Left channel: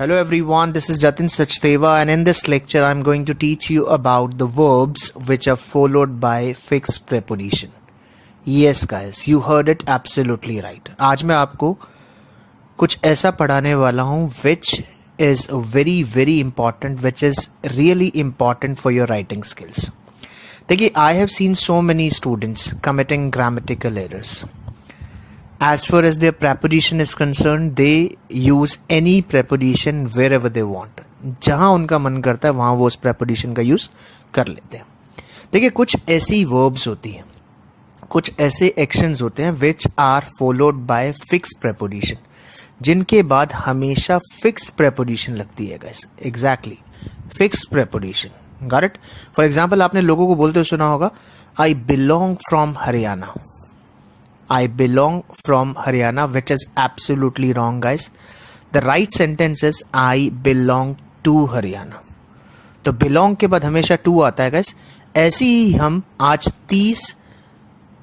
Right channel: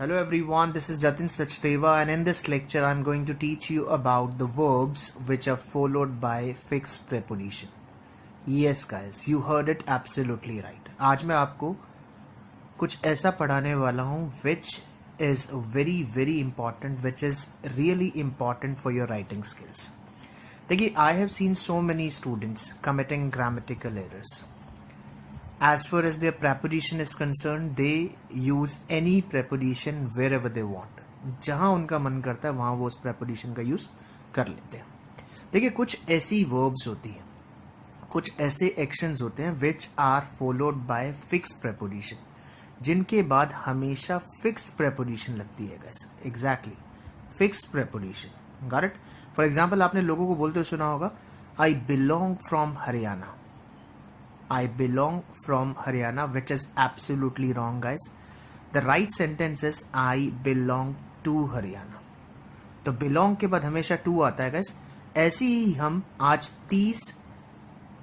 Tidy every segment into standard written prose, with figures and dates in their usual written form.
Hello everyone, this is Jatin Sachdeva, and in this lecture I'm going to teach you about the verbs which are followed by fixed preposition. Yes guys, you heard it absolutely right. आज मैं आपको कुछ ऐसा पढ़ाने वाला हूँ which is very important, which is really important for your writing skills. देखिए, I have seen so many students committing grammatical errors. As far as their preposition is concerned, they use any preposition wherever they want. जहाँ उनका मन करता है वहाँ वो उस preposition का यूज़ कर लेते हैं. देखिए, कुछ ऐसी verbs होती हैं, कुछ ऐसे actions होते हैं which are followed by fixed preposition, जिनके बाद हमेशा fixed preposition लगती है guys. Exactly, fixed preposition. Got it? For example, आपने लोगों को बोलते हुए सुना होगा, I belong from Haryana. I belong from Haryana, which is absolutely wrong, guys. The right sentence is I belong to Haryana. तो belong के बाद हमेशा to आता है, guys. ऐसी ही हम आज 30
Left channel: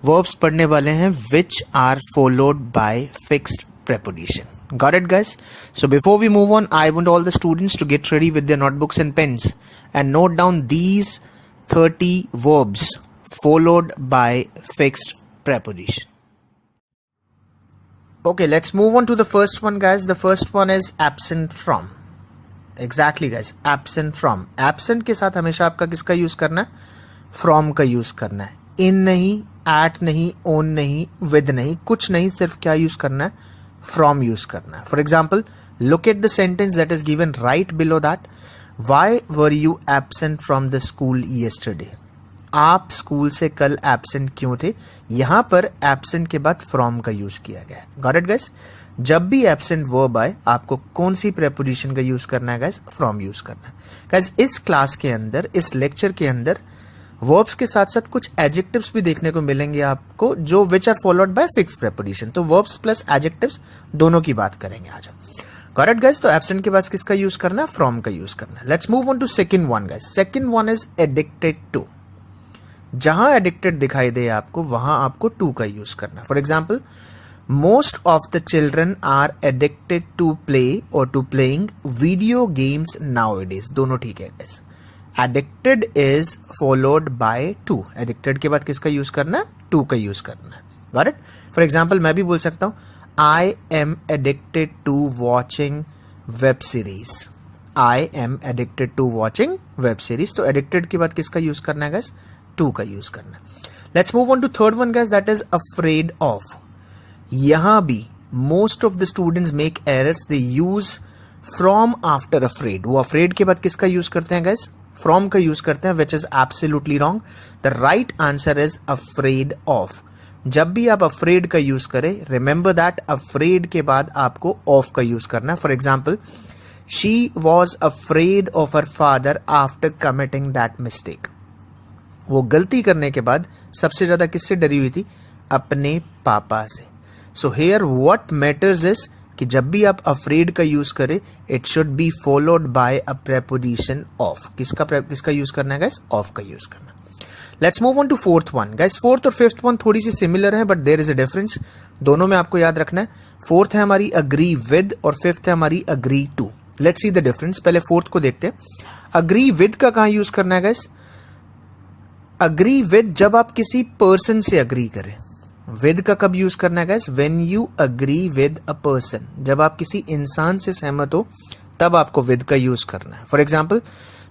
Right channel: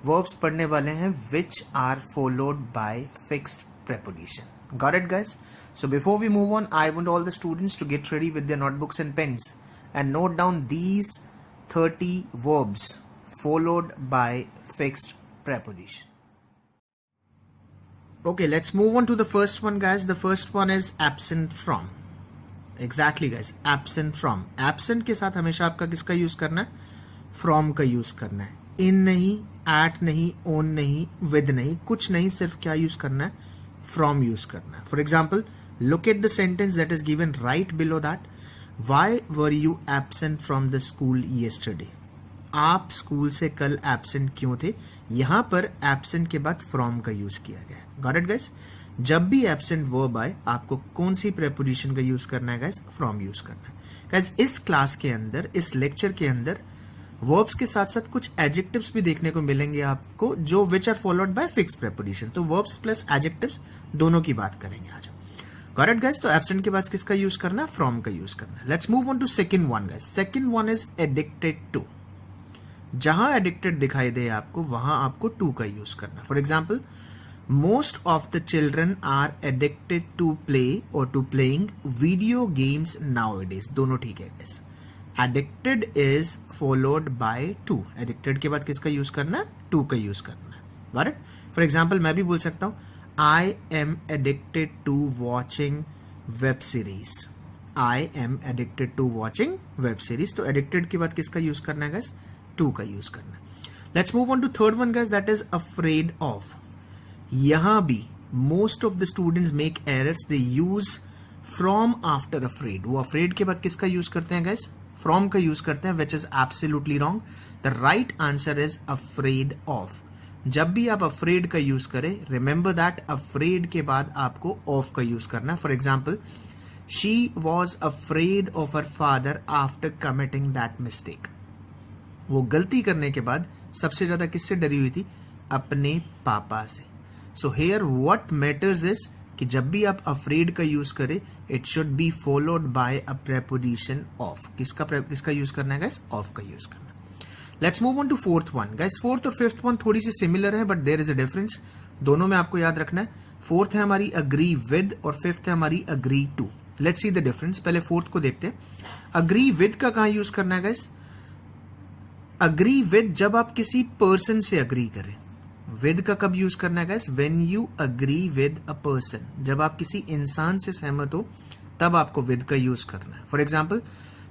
verbs पढ़ने वाले हैं which are followed by fixed preposition. Got it, guys? So before we move on, I want all the students to get ready with their notebooks and pens and note down these 30 verbs followed by fixed preposition. Okay, let's move on to the first one, guys. The first one is absent from. Exactly, guys. Absent from. Absent के साथ हमेशा आपका किसका use करना है? From का use करना है. In नहीं, at नहीं, on नहीं, with नहीं, कुछ नहीं, सिर्फ क्या यूज करना है? From यूज करना है. For example, look at the sentence that is given right below that. Why were you absent from the school yesterday? आप स्कूल से कल एब्सेंट क्यों थे? यहां पर एब्सेंट के बाद फ्रॉम का यूज किया गया है. Got it guys? जब भी एब्सेंट वर्ब आए आपको कौन सी प्रेपोजिशन का यूज करना है गाइस? फ्रॉम यूज करना है. गाइस, इस क्लास के अंदर, इस लेक्चर के अंदर वर्ब्स के साथ साथ कुछ एडजेक्टिव्स भी देखने को मिलेंगे आपको, जो which are followed by fix preposition. तो वर्ब्स प्लस एडजेक्टिव्स दोनों की बात करेंगे आज. Got it guys? तो एब्सेंट के बाद किसका यूज करना है? फ्रॉम का यूज करना है. Let's move on to second one guys. Second one is addicted to. जहां एडिक्टेड दिखाई दे आपको वहां आपको टू का यूज करना. For example, most of the children are addicted to play और to playing video games nowadays. दोनों ठीक है guys. Addicted is followed by to. Addicted के बाद किसका यूज करना है? टू का यूज करना है. Got it? फॉर एग्जाम्पल, मैं भी बोल सकता हूं I am addicted to watching web series. I am addicted to watching web series. तो एडिक्टेड के बाद किसका यूज करना है गाइस? टू का यूज करना. Let's move on to third one guys, that is afraid of. यहां भी most of the students make errors. They use from after afraid. वो अफ्रेड के बाद किसका यूज करते हैं गाइस? फ्रॉम का यूज करते हैं, which is absolutely wrong. The right answer is afraid of. जब भी आप अफ्रेड का यूज करें, रिमेंबर दैट अफ्रेड के बाद आपको ऑफ का यूज करना है. For example, she was afraid of her father after committing that mistake. वो गलती करने के बाद सबसे ज्यादा किससे डरी हुई थी? अपने पापा से. So here what matters is कि जब भी आप अफ्रेड का यूज करें, it should be followed by a preposition of. किसका यूज करना है गाइस? ऑफ का यूज करना. Let's move on to fourth one guys. Fourth और फिफ्थ वन थोड़ी सी सिमिलर है, but there is a difference. दोनों में आपको याद रखना है. फोर्थ है हमारी अग्री विद और फिफ्थ है हमारी agree to. Let's see the difference. पहले फोर्थ को देखते हैं. अग्री विद का कहां यूज करना है गाइस? अग्री विद जब आप किसी पर्सन से अग्री करें. विद का कब यूज करना है guys? When you agree with a person. जब आप किसी इंसान से सहमत हो तब आपको विद का यूज करना है. For example,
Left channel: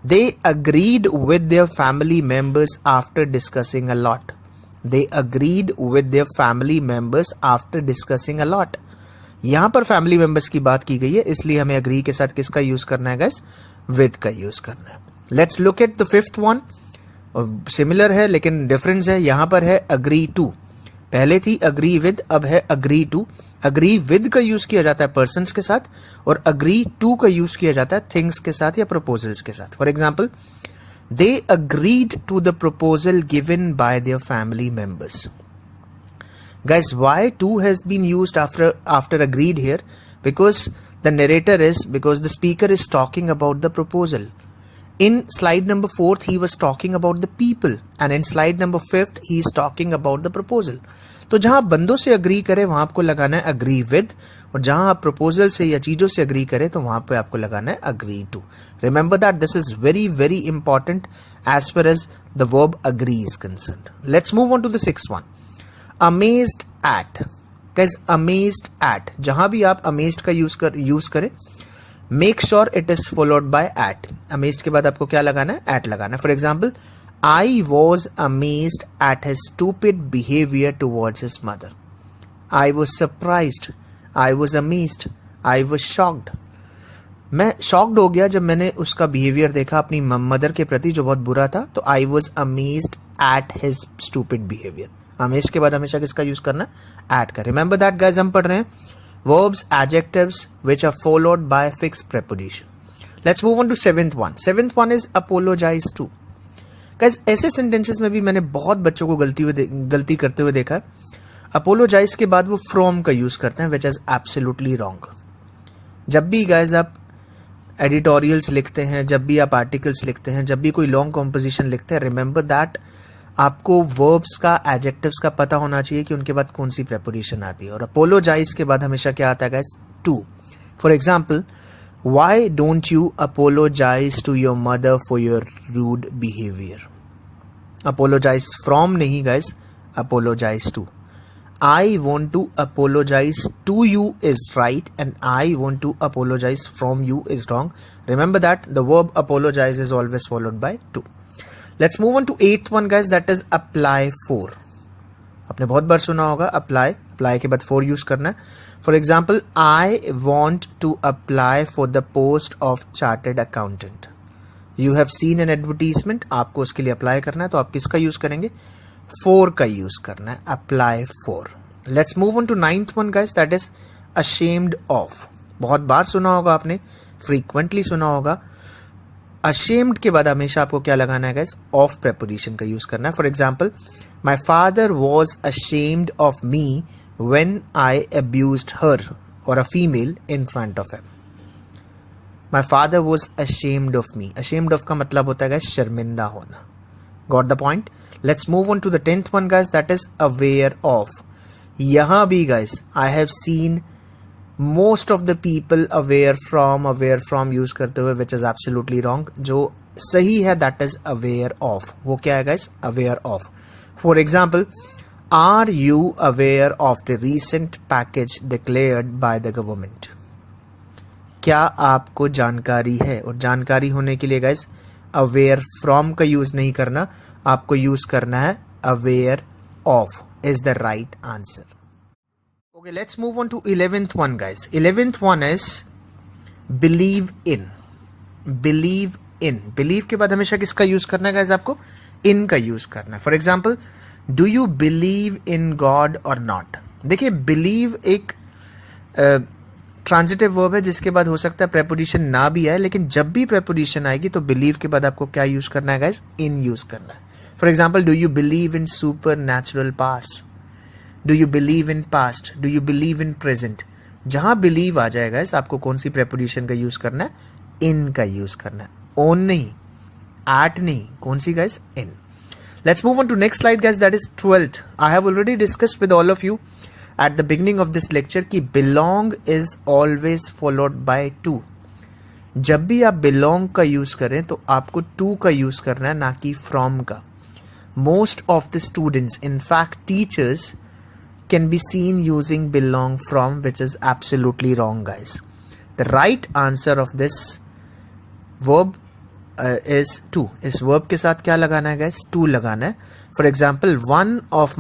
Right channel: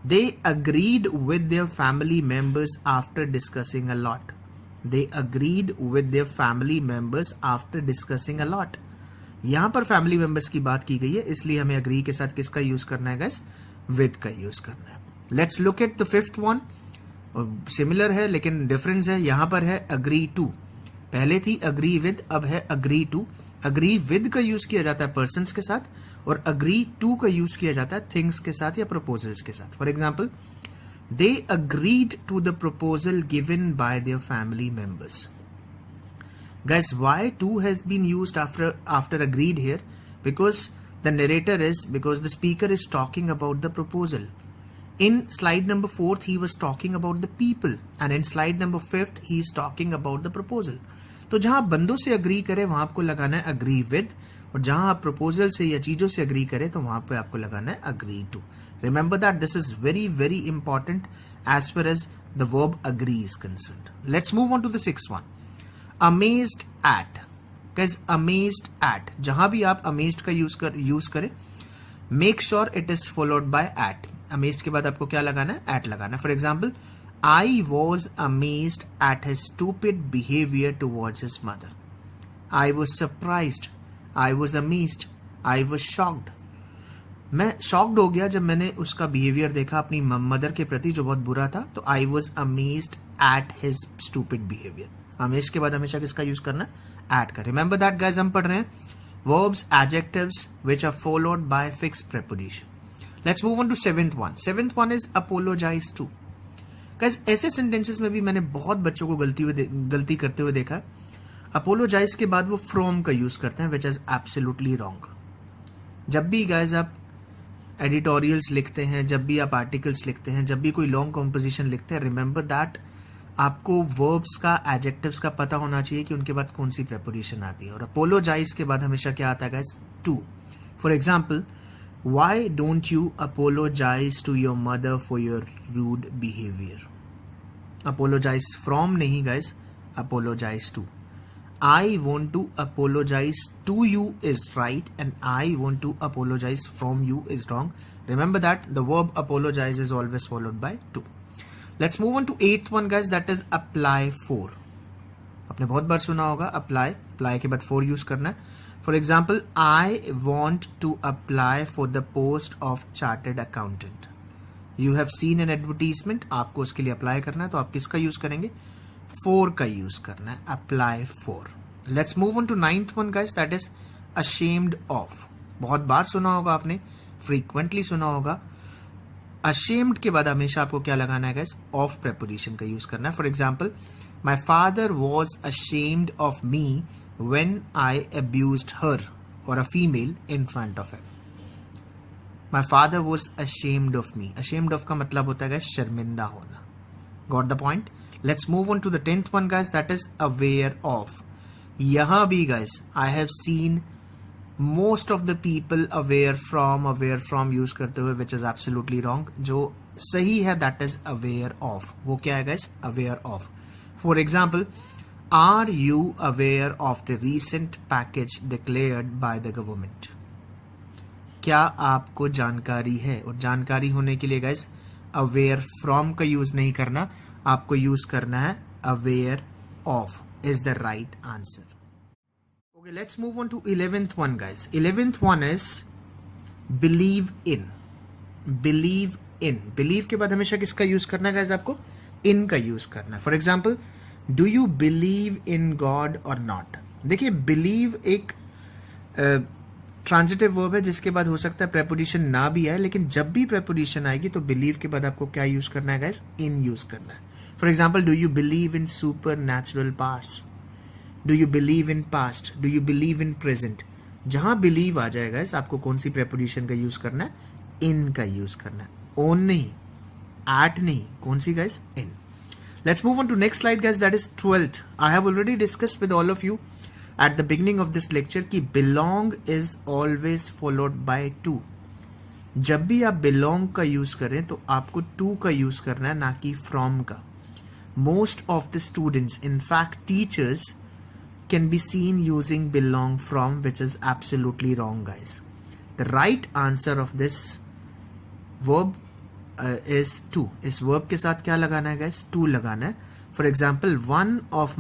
they agreed with their family members after discussing a lot. They agreed with their family members after discussing a lot. यहां पर फैमिली मेंबर्स की बात की गई है, इसलिए हमें अग्री के साथ किसका यूज करना है गाइस? विद का यूज करना है. Let's look at the fifth one. Similar है लेकिन डिफरेंस है. यहां पर है अग्री टू. पहले थी अग्री विद, अब है अग्री टू. अग्री विद का यूज किया जाता है पर्सन्स के साथ और अग्री टू का यूज किया जाता है थिंग्स के साथ या प्रपोजल्स के साथ. For example, they agreed to the proposal given by their family members. Guys, why to has been used after agreed here? Because the speaker is talking about the proposal. In slide number 4 he was talking about the people, and in slide number 5 he is talking about the proposal. तो जहां आप बंदों से agree करें वहां आपको लगाना है अग्री विद, और जहां आप प्रपोजल से या चीजों से अग्री करें तो वहां पे आपको लगाना है agree to. Remember that this is very very important as far as the verb agree is concerned. Let's move on to the sixth one. Amazed at. Guys, amazed at. जहां भी आप amazed का यूज करें, make sure it is followed by at. Amazed के बाद आपको क्या लगाना है? At लगाना है. For example, I was amazed at his stupid behavior towards his mother. I was surprised. I was amazed. I was shocked. मैं शॉक्ड हो गया जब मैंने उसका बिहेवियर देखा अपनी मदर के प्रति जो बहुत बुरा था. तो I was amazed at his stupid behaviour. Amazed के बाद हमेशा किसका यूज करना है? एट का. रिमेंबर दैट गाइस, हम पढ़ रहे हैं verbs, adjectives which are followed by fixed preposition. Let's move on to seventh one. Seventh one is apologize to. Guys, ऐसे सेंटेंसेस में भी मैंने बहुत बच्चों को गलती करते हुए देखा है. अपोलोजाइज के बाद वो फ्रॉम का यूज करते हैं, विच इज एब्सोल्युटली रॉन्ग. जब भी गाइस आप एडिटोरियल्स लिखते हैं, जब भी आप आर्टिकल्स लिखते हैं, जब भी कोई लॉन्ग कॉम्पोजिशन लिखते हैं, रिमेंबर दैट आपको वर्ब्स का, एडजेक्टिव्स का पता होना चाहिए कि उनके बाद कौन सी प्रेपोजिशन आती है. और अपोलोजाइज के बाद हमेशा क्या आता है guys? To. For example, why don't you apologise to your mother for your rude behaviour. Apologise from नहीं guys, apologise to. I want to apologize to you is right and I want to apologize from you is wrong. Remember that the verb apologize is always followed by to. Let's move on to eighth one guys, that is apply for. आपने बहुत बार सुना होगा apply. Apply के बाद for use करना है. For example, I want to apply for the post of chartered accountant. You have seen an advertisement. आपको उसके लिए apply करना है, तो आप किसका use करेंगे? For का यूज करना है, apply for. Let's move on to ninth one guys, that is ashamed of. बहुत बार सुना होगा आपने, frequently सुना होगा. ashamed के बाद हमेशा आपको क्या लगाना है guys? of preposition का यूज करना है. For example, my father was ashamed of me when I abused her or a female in front of him. My father was ashamed of me. ashamed of का मतलब होता है guys शर्मिंदा होना. Got the point? Let's move on to the 10th one guys, that is aware of. यहां भी guys I have seen most of the people aware from use करते हुए, which is absolutely wrong. जो सही है that is aware of. वो क्या है guys? aware of. For example, are you aware of the recent package declared by the government? क्या आपको जानकारी है? और जानकारी होने के लिए guys aware from का यूज नहीं करना, आपको यूज करना है aware of is the right answer. Okay, let's move on to 11th one guys. 11th one is believe in. believe in. believe के बाद हमेशा किसका यूज करना है guys? आपको in का यूज करना है. For example, do you believe in God or not? देखिए, believe एक ट्रांजिटिव वर्ब है जिसके बाद हो सकता है प्रेपोजिशन ना भी आए, लेकिन जब भी प्रेपोजिशन आएगी तो बिलीव के बाद आपको क्या यूज करना है गाइस? इन यूज करना है. For example, do you believe in super natural powers? Do you believe in past? Do you believe in present? जहां बिलीव आ जाएगा गाइस आपको कौन सी प्रेपोजिशन का यूज करना है? इन का यूज करना है. ओन नहीं, एट नहीं, कौन सी guys? In. Let's move on to next slide guys, that is 12th. I have already discussed with all of you at the beginning of this lecture कि belong is always followed by to. जब भी आप belong का use करें तो आपको to का use करना है, ना कि from का. Most of the students, in fact teachers, can be seen using belong from, which is absolutely wrong guys. The right answer of this verb is to. इस verb के साथ क्या लगाना है guys? to लगाना है. For example, one of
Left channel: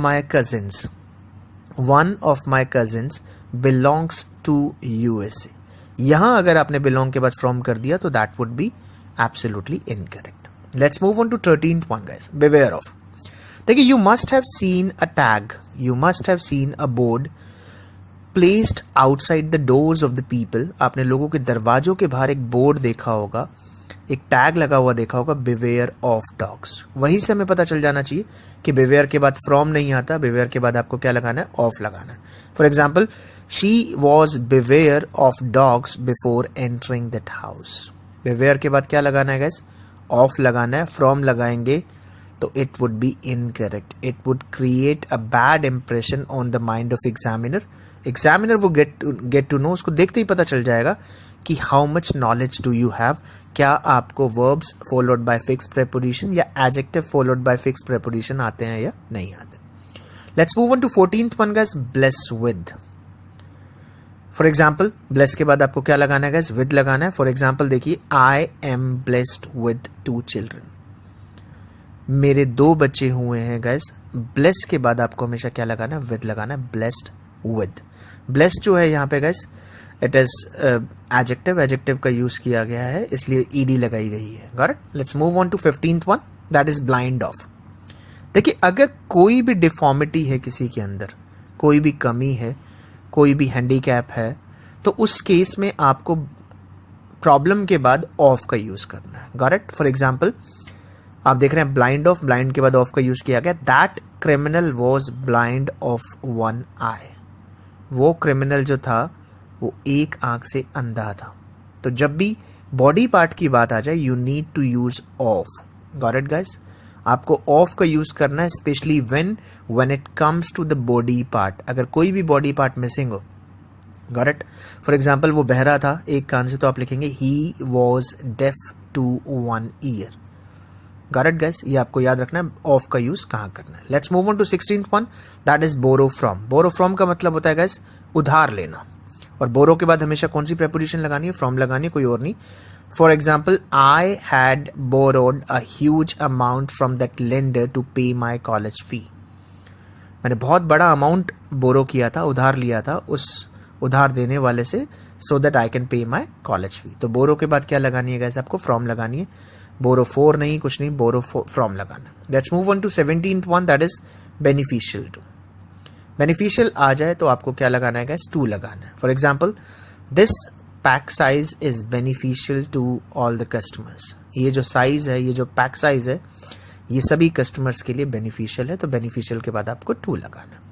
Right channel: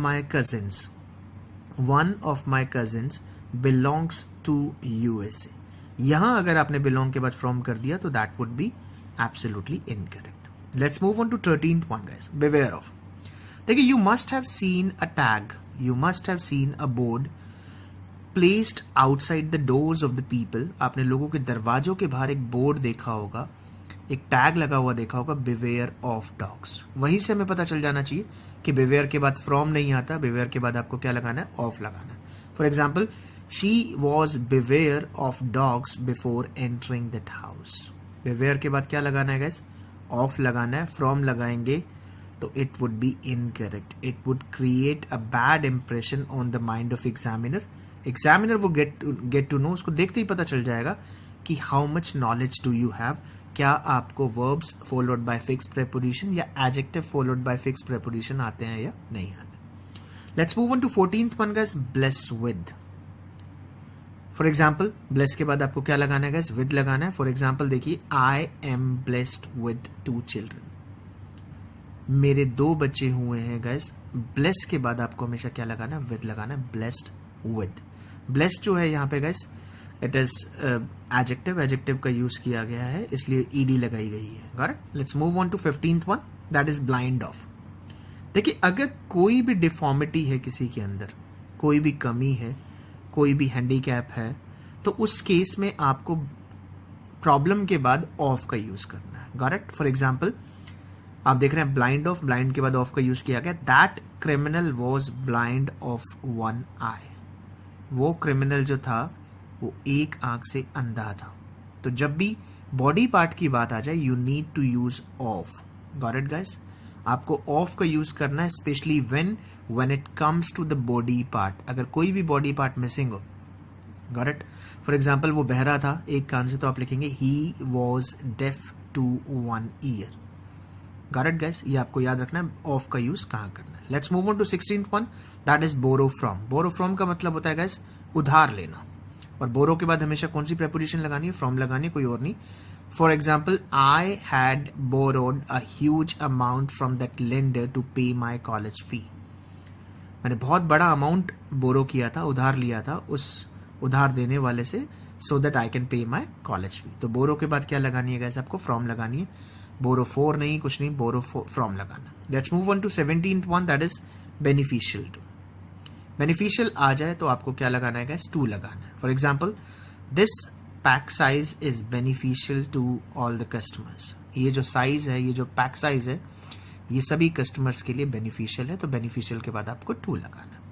my cousins belongs to USA. यहां अगर आपने belong के बाद from कर दिया तो that would be absolutely incorrect. Let's move on to 13th one guys. Beware of. देखिए, you must have seen a tag, you must have seen a board placed outside the doors of the people. आपने लोगों के दरवाजों के बाहर एक board देखा होगा, एक टैग लगा हुआ देखा होगा, beware of dogs. वहीं से हमें पता चल जाना चाहिए कि beware के बाद from नहीं आता, beware के बाद आपको क्या लगाना है? of लगाना है. For example, she was beware of dogs before entering that house. beware के बाद क्या लगाना है guys? of लगाना है. from लगाएंगे तो it would be incorrect. It would create a bad impression on the mind of examiner. Examiner वो गेट टू नो, उसको देखते ही पता चल जाएगा कि how much knowledge do you have. क्या आपको verbs followed by fix preposition या adjective followed by fix preposition आते हैं या नहीं आते. Let's move on to 14th one guys, bless with. For example bless के बाद आपको क्या लगाना है गाइस, विद लगाना है. फॉर एग्जाम्पल देखिए, I am blessed with 2 children. मेरे 2 बच्चे हुए हैं गाइस. ब्लेस के बाद आपको हमेशा क्या लगाना है, विद लगाना है. Blessed with. ब्लेस्ड जो है यहाँ पे guys, it is adjective. Adjective का यूज किया गया है, इसलिए ईडी लगाई गई है. Got it. Let's move on to 15th one, that is blind of. देखिए, अगर कोई भी डिफॉर्मिटी है किसी के अंदर, कोई भी कमी है, कोई भी हैंडीकैप है, तो उस केस में आपको प्रॉब्लम के बाद ऑफ का यूज करना है. Got it. फॉर एग्जाम्पल आप देख रहे हैं ब्लाइंड ऑफ, ब्लाइंड के बाद ऑफ का यूज किया गया. That criminal was blind of 1 आई. वो क्रिमिनल जो था वो एक आंख से अंधा था. तो जब भी बॉडी पार्ट की बात आ जाए, you need to use of. Got it guys. आपको ऑफ का यूज करना है, specially when it comes to the body part. अगर कोई भी बॉडी पार्ट मिसिंग हो. Got it. फॉर एग्जाम्पल वो बहरा था एक कान से, तो आप लिखेंगे he was deaf to 1 ear. Got it guys. ये आपको याद रखना है ऑफ का यूज कहाँ करना है. Let's move on to 16th one, that is borrow from. Borrow from का मतलब होता है गाइस उधार लेना. और बोरो के बाद हमेशा कौन सी प्रेपोजिशन लगानी है, फ्रॉम लगानी है, कोई और नहीं. For example, I had borrowed a huge amount from that lender to pay my college fee. मैंने बहुत बड़ा अमाउंट बोरो किया था, उधार लिया था उस उधार देने वाले से, so that I can pay my college fee. तो बोरो के बाद क्या लगानी है गाइस, आपको फ्रॉम लगानी है. बोरो फॉर नहीं, कुछ नहीं, बोरो फ्रॉम लगाना है. Let's move on to 17th one, that is beneficial to. Beneficial आ जाए तो आपको क्या लगाना है गाइस, टू लगाना है. For example, this pack size is beneficial to all the customers. ये जो साइज है, ये जो पैक साइज है, ये सभी कस्टमर्स के लिए बेनिफिशियल है. तो बेनिफिशियल के बाद आपको टू लगाना है.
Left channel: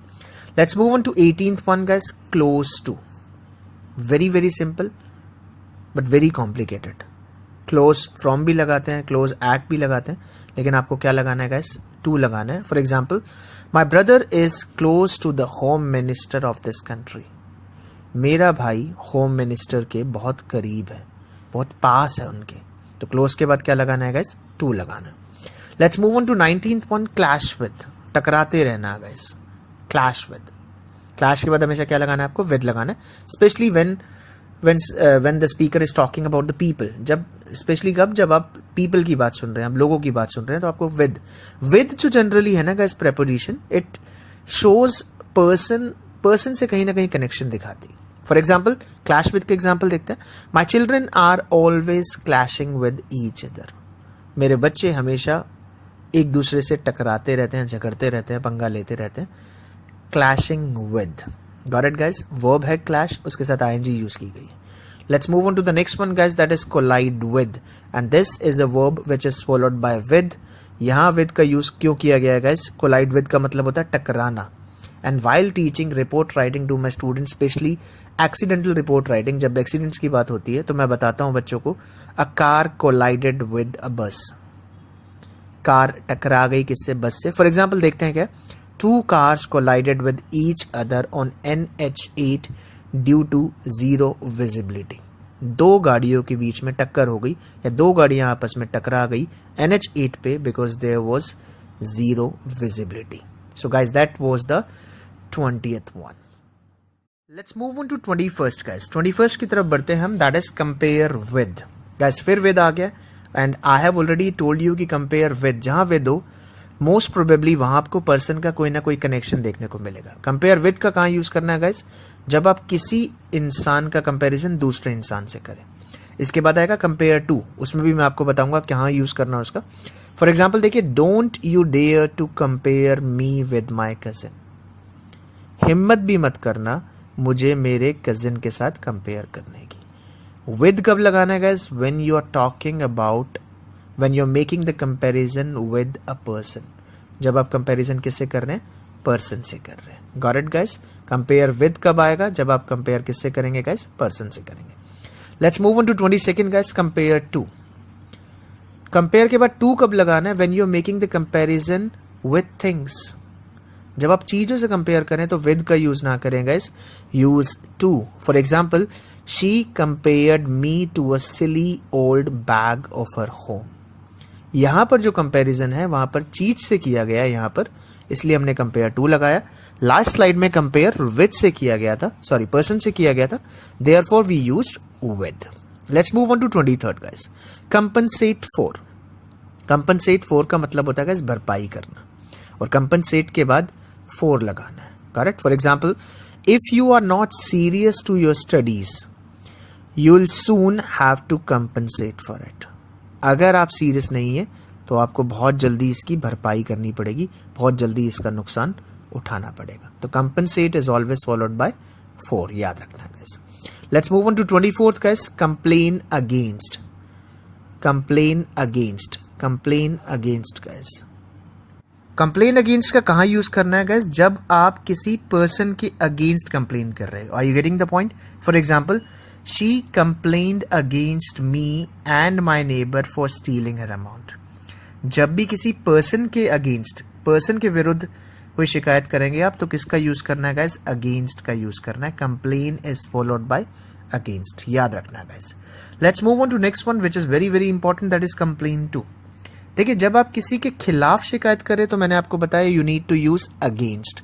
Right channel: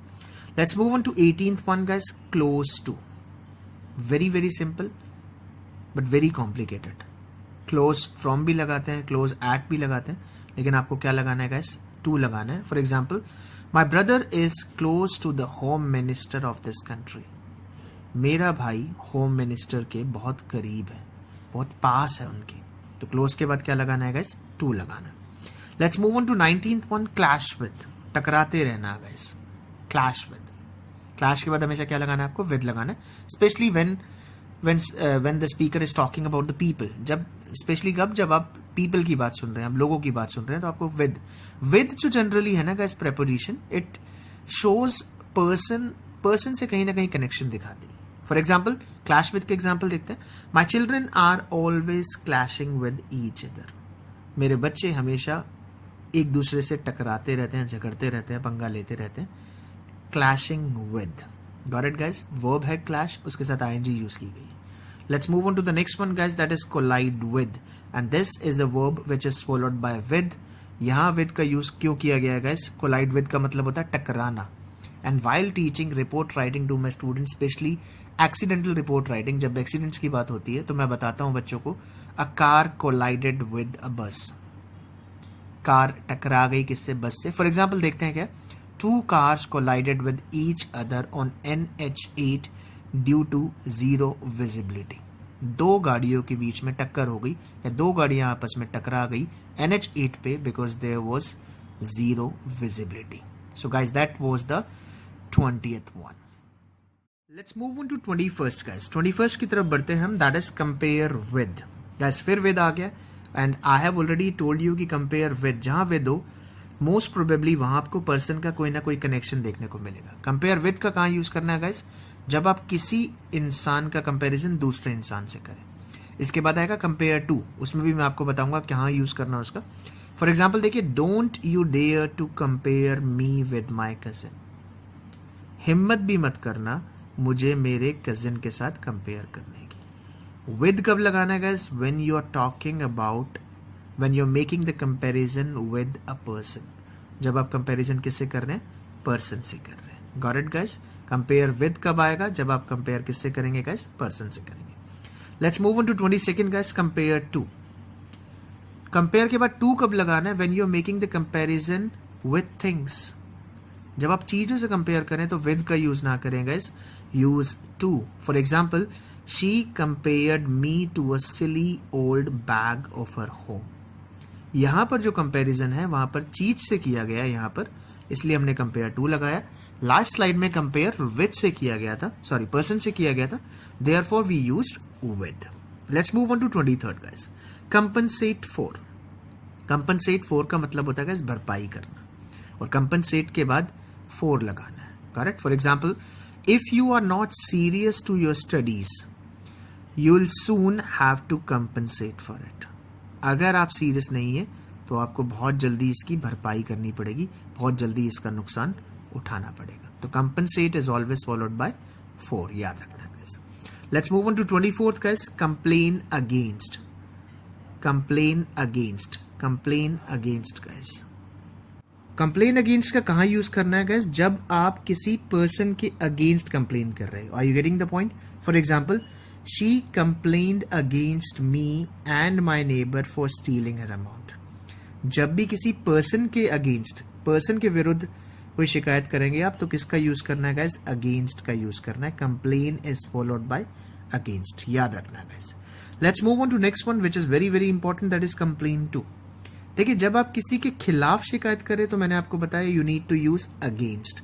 Let's move on to 18th one guys, close to. Very very simple but very complicated. Close from भी लगाते हैं, क्लोज एट भी लगाते हैं, लेकिन आपको क्या लगाना है गाइस, टू लगाना है. For example, my brother is close to the home minister of this country. मेरा भाई होम मिनिस्टर के बहुत करीब है, बहुत पास है उनके. तो क्लोज के बाद क्या लगाना है गाइस, टू लगाना. Let's move on to 19th one, clash with. टकराते रहना गाइस, क्लैश विद. क्लैश के बाद हमेशा क्या लगाना है, आपको विद लगाना है. Specially when the speaker is talking about the people. जब स्पेशली कब, जब आप people की बात सुन रहे हैं, आप लोगों की बात सुन रहे हैं, तो आपको with जो जनरली है ना guys preposition, it shows person से कहीं ना कहीं कनेक्शन दिखाती. फॉर एग्जाम्पल, क्लैश विद के एग्जाम्पल देखते हैं. My children are always clashing with each other. मेरे बच्चे हमेशा एक दूसरे से टकराते रहते हैं, झगड़ते रहते हैं, पंगा लेते रहते हैं. Clashing with. Got it guys. Verb है clash, उसके साथ ing यूज की गई. Let's move on to the next one guys, that is collide with, and this is a verb which is followed by with. यहाँ with का use क्यों किया गया है guys? collide with का मतलब होता है टकराना. And while teaching report writing to my students, especially accidental report writing, जब accidents की बात होती है तो मैं बताता हूँ बच्चों को, a car collided with a bus. Car टकरा गई किससे, बस से. फॉर एग्जाम्पल देखते हैं क्या, 2 cars collided with each other on NH8 due to zero visibility. 2 गाड़ियों के बीच में टक्कर हो गई, या 2 गाड़ियां आपस में टकरा गई NH8 पे, because there was zero visibility. So guys, that was the 20th one. Let's move on to 21st guys. 21st की तरफ बढ़ते हैं हम, that is compare with. Guys, फिर with आ गया, and I have already told you कि compare with, जहाँ with हो मोस्ट प्रोबेबली वहां आपको पर्सन का कोई ना कोई कनेक्शन देखने को मिलेगा. कंपेयर विद का कहाँ यूज करना है गाइस, जब आप किसी इंसान का कंपैरिजन दूसरे इंसान से करें. इसके बाद आएगा कंपेयर टू, उसमें भी मैं आपको बताऊंगा कहाँ यूज करना है उसका. फॉर एग्जाम्पल देखिए, don't you dare to compare me with my cousin. हिम्मत भी मत करना मुझे मेरे कजिन के साथ कंपेयर करने की. विद कब लगाना है guys, when you are talking about, when you're making the comparison with a person. जब आप कंपैरिजन किससे कर रहे हैं, पर्सन से कर रहे हैं. Got it guys? Compare with कब आएगा, जब आप कंपेयर किससे करेंगे गाइस, पर्सन से करेंगे. Let's move on to 22nd guys, compare to. Compare के बाद टू कब लगाना है? When you are making the comparison with things. जब आप चीजों से कंपेयर करें तो विद का यूज ना करें guys, use to. For example, she compared me to a silly old bag of her home. यहां पर जो कंपैरिजन है वहां पर चीज से किया गया है यहां पर, इसलिए हमने कंपेयर टू लगाया। लास्ट स्लाइड में कंपेयर विद से किया गया था, सॉरी पर्सन से किया गया था, therefore we used with. Let's move on to 23rd guys, compensate for. Compensate for का मतलब होता है गाइस भरपाई करना, और कंपनसेट के बाद फॉर लगाना है, correct. For example, if you are not serious to your studies you will soon have to compensate for it. अगर आप सीरियस नहीं है तो आपको बहुत जल्दी इसकी भरपाई करनी पड़ेगी, बहुत जल्दी इसका नुकसान उठाना पड़ेगा। तो compensate is always followed by for, याद रखना guys. Let's move on to 24th guys, complain against. Complain against, complain against guys. Complain against का कहाँ यूज करना है गाइस? जब आप किसी पर्सन के अगेंस्ट कंप्लेन कर रहे हो। Are you getting the point? For example, she complained against me and my neighbour for stealing her amount. जब भी किसी पर्सन के अगेंस्ट, पर्सन के विरुद्ध कोई शिकायत करेंगे आप, तो किसका यूज करना है गाइस? अगेंस्ट का यूज करना है। Complain is followed by against, याद रखना है guys. Let's move on to next one which is very very important, that is complain to. देखिए, जब आप किसी के खिलाफ शिकायत करें तो मैंने आपको बताया you need to use against,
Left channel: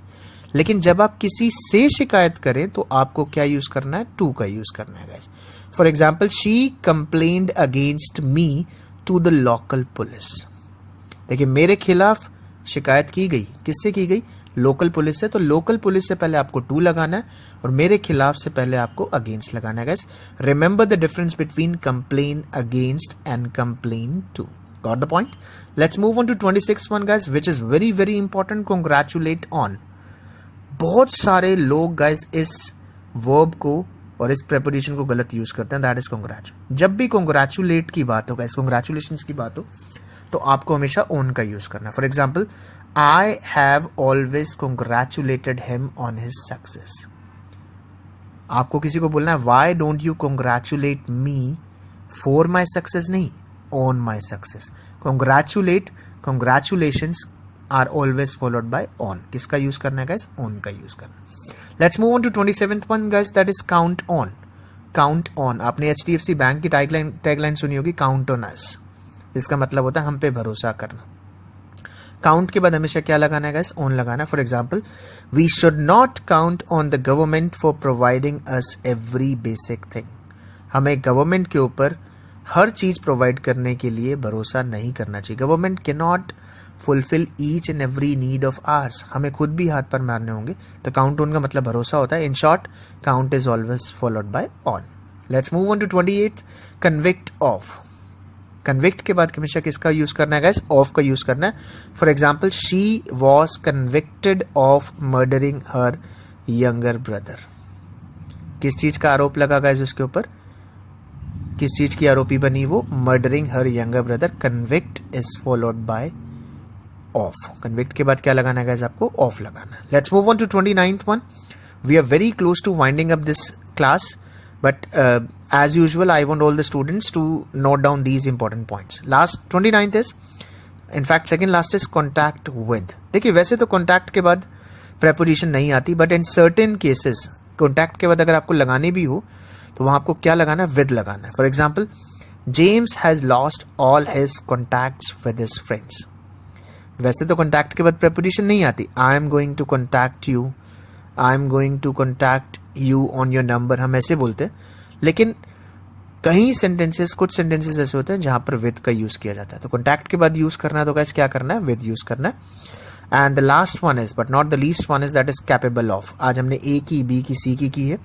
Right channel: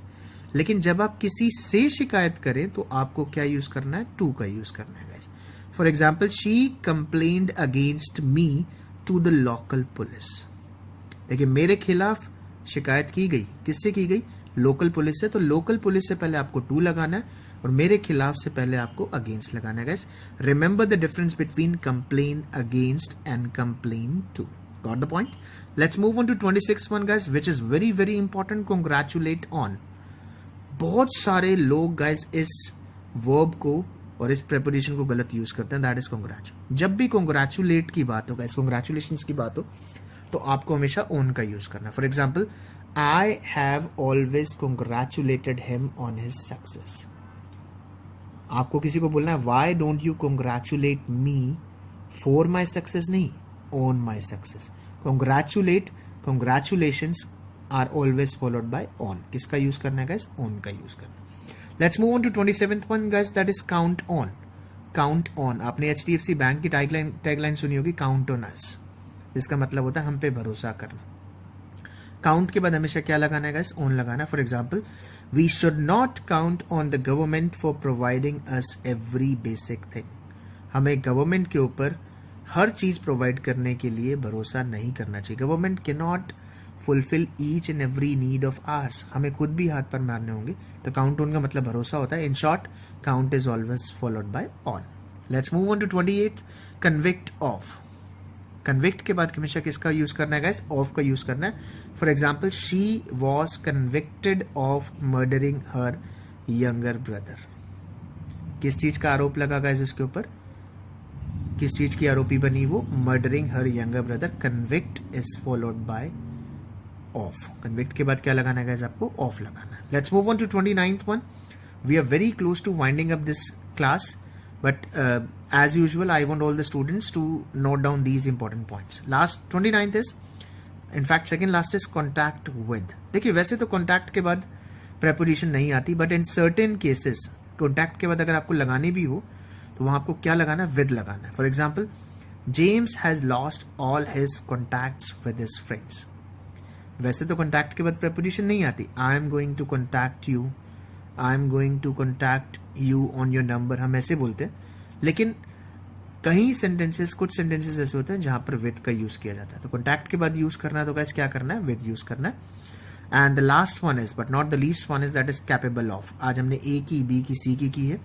लेकिन जब आप किसी से शिकायत करें तो आपको क्या यूज करना है? टू का यूज करना है guys. For example, she complained against me to the local police. देखिए, मेरे खिलाफ शिकायत की गई, किससे की गई? लोकल पुलिस से। तो लोकल पुलिस से पहले आपको टू लगाना है और मेरे खिलाफ से पहले आपको अगेंस्ट लगाना है guys. Remember the difference between complain against and complain to. Got the point? Let's move on to 26th one guys, which is very very important, congratulate on। बहुत सारे लोग guys इस verb को और इस preposition को गलत यूज करते हैं, that is congratulate। जब भी congratulate की बात हो guys, congratulations की बात हो, तो आपको हमेशा on का यूज करना है। For example, I have always congratulated him on his success। आपको किसी को बोलना है why don't you congratulate me for my success, नहीं, on my success। congratulate, congratulations are always followed by on। किसका यूज करना है guys? on का यूज करना। let's move on to 27th one guys, that is count on। count on, आपने HDFC bank की tagline सुनी होगी, count on us। इसका मतलब होता है हम पे भरोसा करना। count के बाद हमेशा क्या लगाना है guys? on लगाना। For example, we should not count on the government for providing us every basic thing। हमें गवर्नमेंट के ऊपर हर चीज प्रोवाइड करने के लिए भरोसा नहीं करना चाहिए। Government can not fulfil each and every need of hours. हमें खुद भी हाथ पर मारने होंगे। तो काउंट ऑन का मतलब भरोसा होता है। In short, count is always followed by on. Let's move on to 28th, convict of. Convict के बाद हमेशा किसका यूज करना है गाइस? ऑफ का यूज करना है। For example, she was convicted of murdering her younger brother. किस चीज का आरोप लगा गाइस उसके ऊपर? किस चीज की आरोपी बनी वो? Murdering her younger brother. Convict is followed bye of. Convict के बाद क्या लगाना है गाइस? आपको ऑफ लगाना है। Let's move on to 29th one. We are very close to winding up this class, but as usual I want all the students to note down these important points. Last 29th is, in fact second last is contact with। देखिए, वैसे तो contact के बाद preposition नहीं आती, but in certain cases contact के बाद अगर आपको लगानी भी हो तो वहां आपको क्या लगाना है? with लगाना है। For example, James has lost all his contacts with his friends। वैसे तो contact के बाद preposition नहीं आती। I am going to contact you, I am going to contact you on your number, हम ऐसे बोलते हैं। लेकिन कहीं सेंटेंसेस, कुछ सेंटेंसेस ऐसे होते हैं जहां पर विद का यूज किया जाता है। तो कॉन्टैक्ट के बाद यूज करना है तो गाइस क्या करना है? विद यूज करना है। And the last one is, but not the least one is, that is capable of. आज हमने ए की, बी की, सी की है।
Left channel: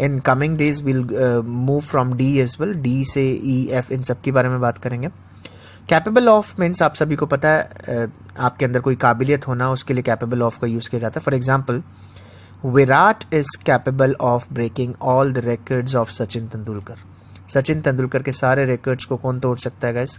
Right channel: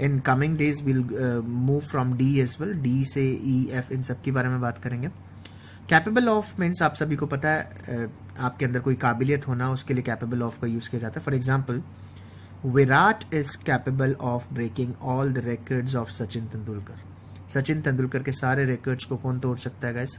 In coming days will move from D as well. D से ई, एफ, इन सब के बारे में बात करेंगे। कैपेबल ऑफ मीन्स आप सभी को पता है, आपके अंदर कोई काबिलियत होना, उसके लिए कैपेबल ऑफ का यूज किया जाता है। For example, Virat is capable of breaking all the records of Sachin Tendulkar. Sachin Tendulkar के सारे रिकॉर्ड्स को कौन तोड़ सकता है guys?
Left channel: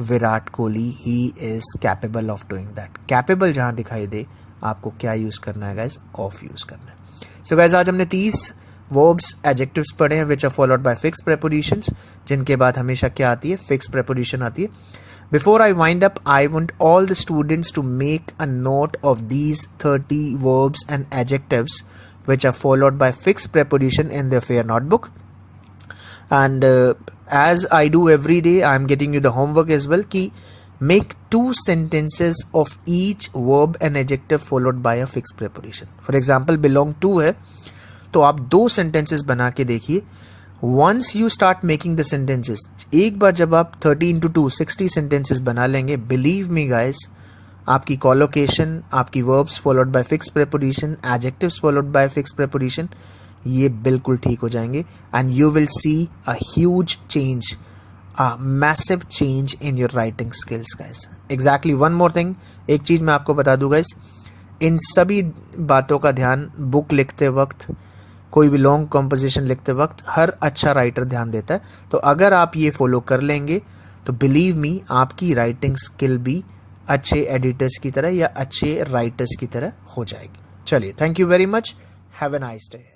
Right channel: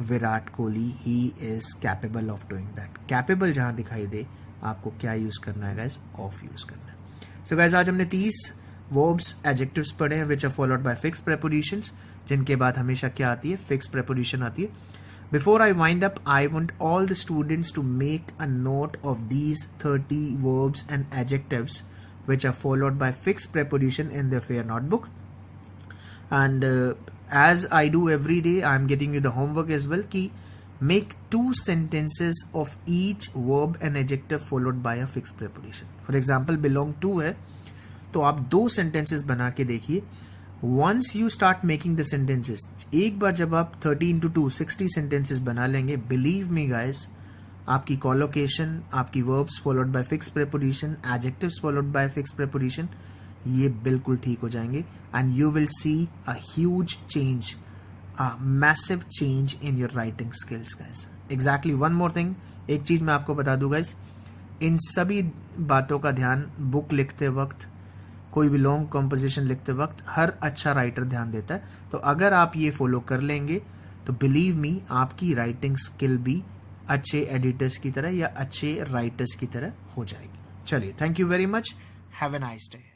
Virat Kohli. He is capable of doing that. Capable जहां दिखाई दे आपको क्या यूज करना है गाइस? ऑफ यूज करना है। सो गाइस, आज हमने 30 वर्ब्स एडजेक्टिव्स पढ़े हैं which are followed by fix prepositions, जिनके बाद हमेशा क्या आती है, फिक्स प्रेपोजिशन आती है. Before I wind up, I want all the students to make a note of these 30 verbs and adjectives which are followed by fixed preposition in their fair notebook. And as I do every day, I am getting you the homework as well. Ki make 2 sentences of each verb and adjective followed by a fixed preposition. For example, belong to है तो आप 2 sentences बना के देखिए. Once you start making the sentences, एक बार जब आप 30 into 2 60 sentences बना लेंगे, believe me guys, आपकी collocation, आपकी verbs followed by fixed preposition, adjectives followed by fixed preposition, ये बिल्कुल ठीक हो जाएंगे. And you will see a huge change, a massive change in your writing skills guys. Exactly. One more thing, एक चीज़ मैं आपको बता दूँ guys, इन सभी बातों का ध्यान बुक लिखते वक्त, कोई भी लॉन्ग कंपोजिशन लिखते वक्त हर अच्छा राइटर ध्यान देता है. तो अगर आप ये फॉलो कर लेंगे तो बिलीव मी आपकी राइटिंग स्किल भी अच्छे एडिटर्स की तरह या अच्छे राइटर्स की तरह हो जाएगी. चलिए, thank you very much, have a nice day.